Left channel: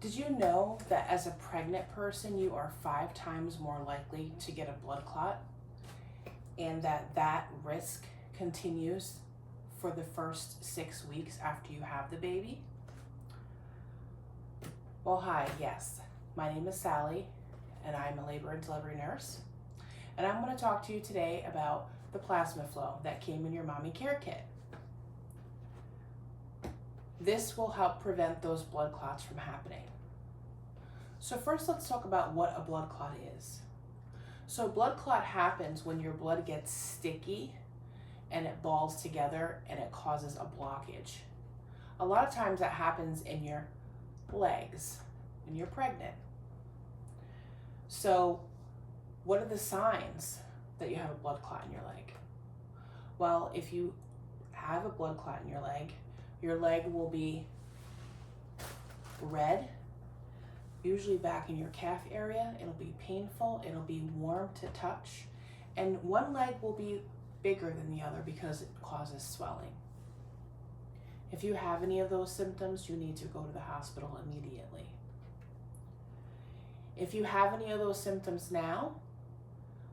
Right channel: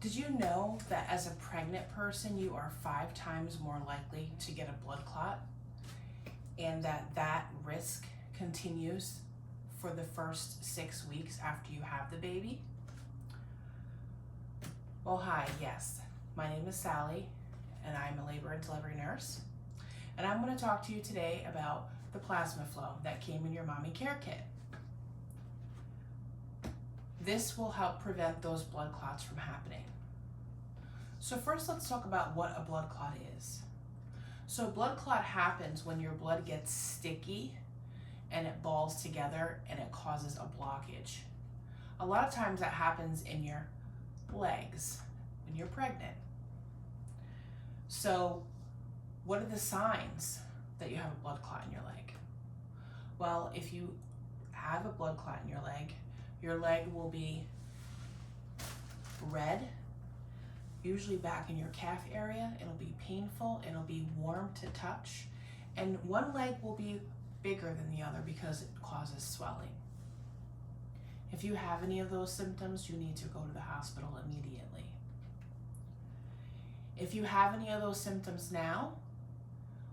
Did you know that as a pregnant person, you are 5 times more likely to get a blood clot, and that risk continues for the first 6 weeks after you have the baby? Well, hi, yes. My name is Sally, and I'm a labor and delivery nurse. And I'm going to talk to you today about the PlasmaFlow that came in your mommy care kit. This will help prevent those blood clots from happening. So first, let's talk about what a blood clot is. So a blood clot happens when your blood gets sticky and it balls together and it causes a blockage. A lot of times that happens in your legs when you're pregnant. So what are the signs that you have a blood clot in your leg? Well, if you have a blood clot in your leg will be red, usually back in your calf area. It'll be painful, it'll be warm to touch, and one leg will be bigger than the other because it causes swelling. If you have any of those symptoms, you need to go to the hospital immediately. If you have any of those symptoms now,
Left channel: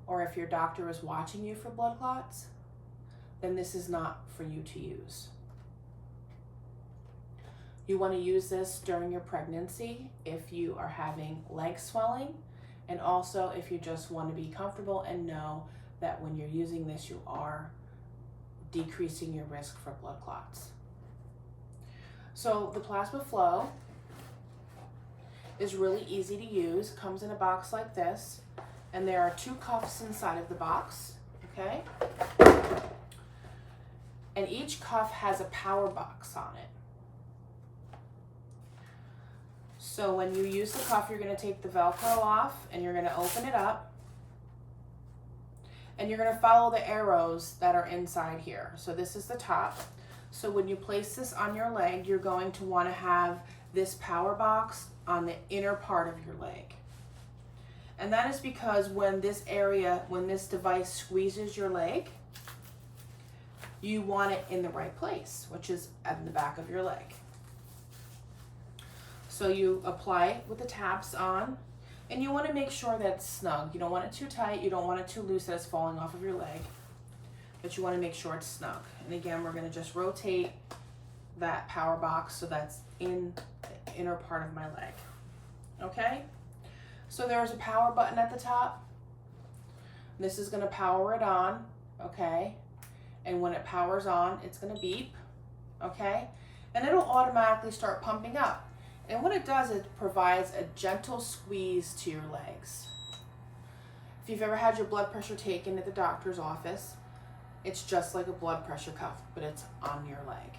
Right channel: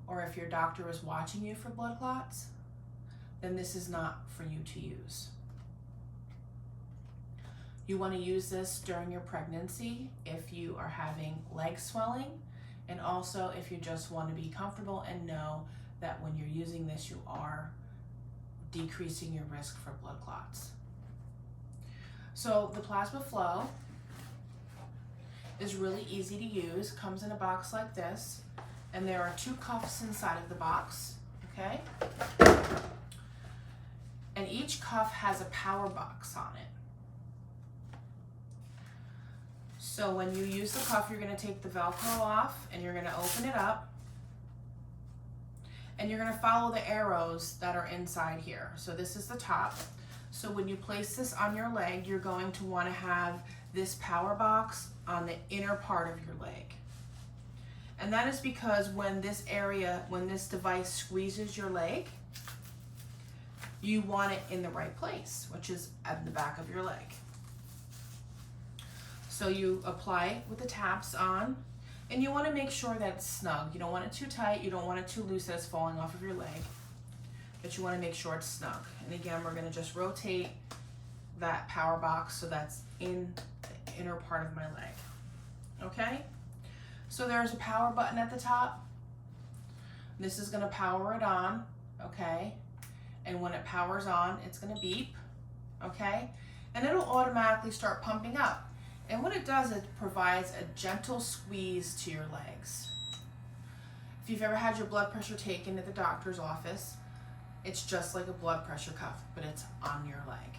or if your doctor is watching you for blood clots, then this is not for you to use. You want to use this during your pregnancy if you are having leg swelling, and also if you just want to be comfortable and know that when you're using this, you are decreasing your risk for blood clots. So the PlasmaFlow is really easy to use, comes in a box like this, and there are 2 cuffs inside of the box, okay? And each cuff has a power box on it. So when you use the cuff, you're going to take the Velcro off and you're going to open it up. And you're going to follow the arrows that are inside here. So this is the top. So when you place this on your leg, you're going to want to have this power box on the inner part of your leg. And that is because when this device squeezes your leg, you want it in the right place, which is at the back of your leg. So you apply it with the tabs on, and you want to make sure that it's snug. You don't want it too tight, you don't want it too loose that it's falling off of your leg, but you want to make sure it's snug. And again, we're going to just rotate that power box so that's in the inner part of my leg. Okay? So there's a power button at the top. This is going to power it on, okay? And when it powers on, it's going to beep, okay? And it'll automatically start pumping up. And what it does, it provides a gentle squeeze to your legs. If you've ever had your blood pressure taken at the doctor's office, it's just like a blood pressure cuff, but it's on your leg.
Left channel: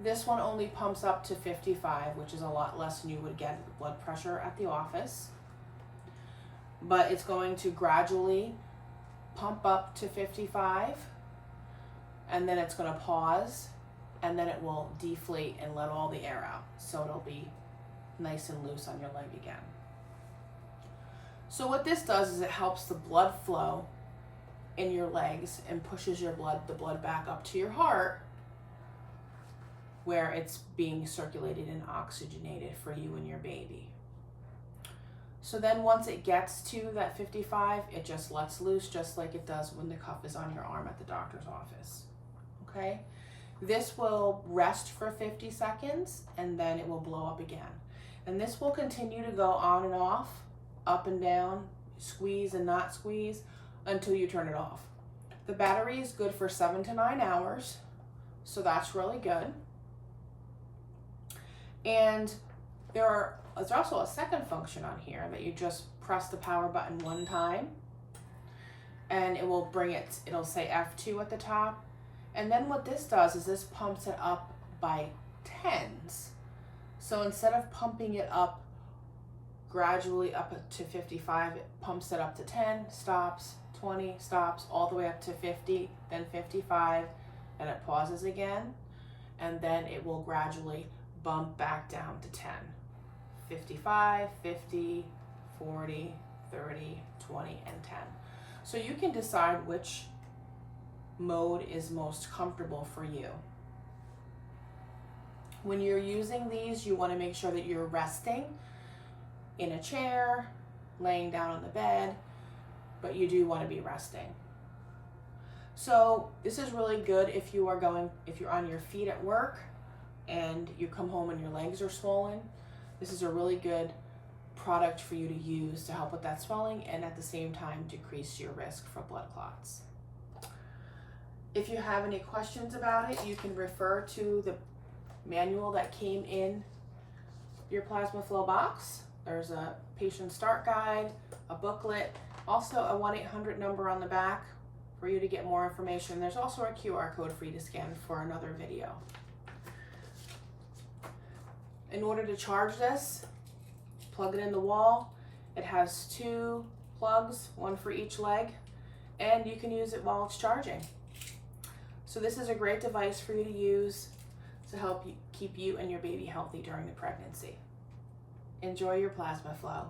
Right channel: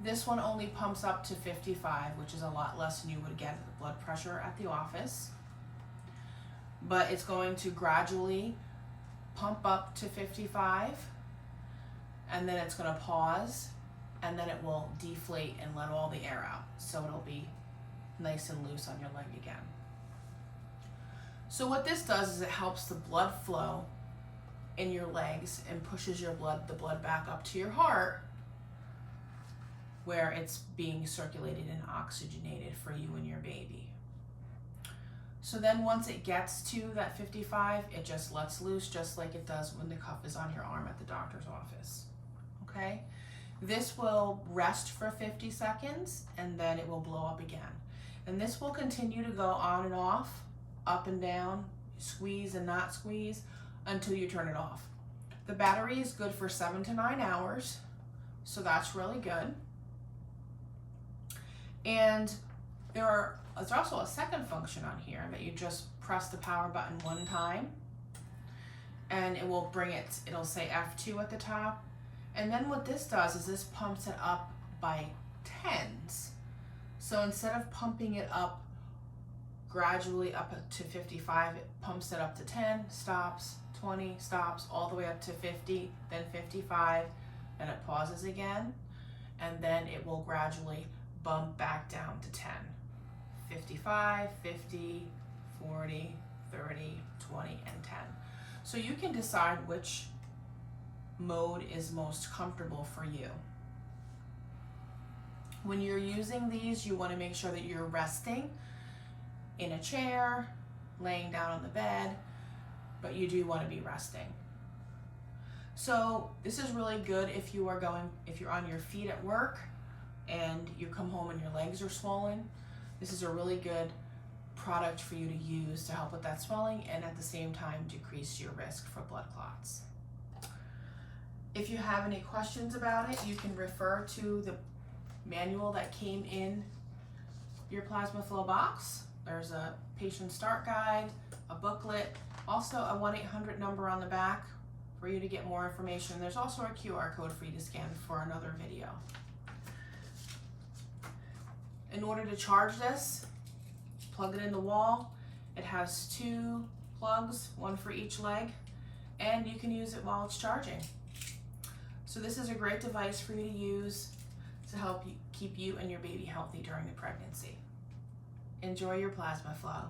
This one only pumps up to 55, which is a lot less than you would get at the blood pressure at the office. But it's going to gradually pump up to 55, and then it's going to pause, and then it will deflate and let all the air out. So it'll be nice and loose on your leg again. So what this does is it helps the blood flow in your legs and pushes the blood back up to your heart, where it's being circulated and oxygenated for you and your baby. So then once it gets to that 55, it just lets loose, just like it does when the cuff is on your arm at the doctor's office, okay? This will rest for 50 seconds and then it will blow up again. And this will continue to go on and off, up and down, squeeze and not squeeze until you turn it off. The battery is good for 7 to 9 hours, so that's really good. And there's also a second function on here that you just press the power button 1 time and it will it'll say F2 at the top. And then what this does is this pumps it up by 10s. So instead of pumping it up gradually up to 55, it pumps it up to 10, stops, 20, stops, all the way up to 50, then 55, and it pauses again. And then it will gradually bump back down to 10. 55, 50, 40, 30, 20, and 10. So you can decide which mode is most comfortable for you. When you're using these, you want to make sure that you're resting in a chair, laying down on the bed, but you do want to be resting. So this is really good if you're on your feet at work and you come home and your legs are swollen. This is a really good product for you to use to help with that swelling and at the same time decrease your risk for blood clots. If you have any questions about it, you can refer to the manual that came in your PlasmaFlow box. There's a patient start guide, a booklet, also a 1-800 number on the back for you to get more information. There's also a QR code for you to scan for another video. In order to charge this, plug it in the wall. It has 2 plugs, 1 for each leg, and you can use it while it's charging. So this is a great device for you to use to help you keep you and your baby healthy during the pregnancy. Enjoy your PlasmaFlow.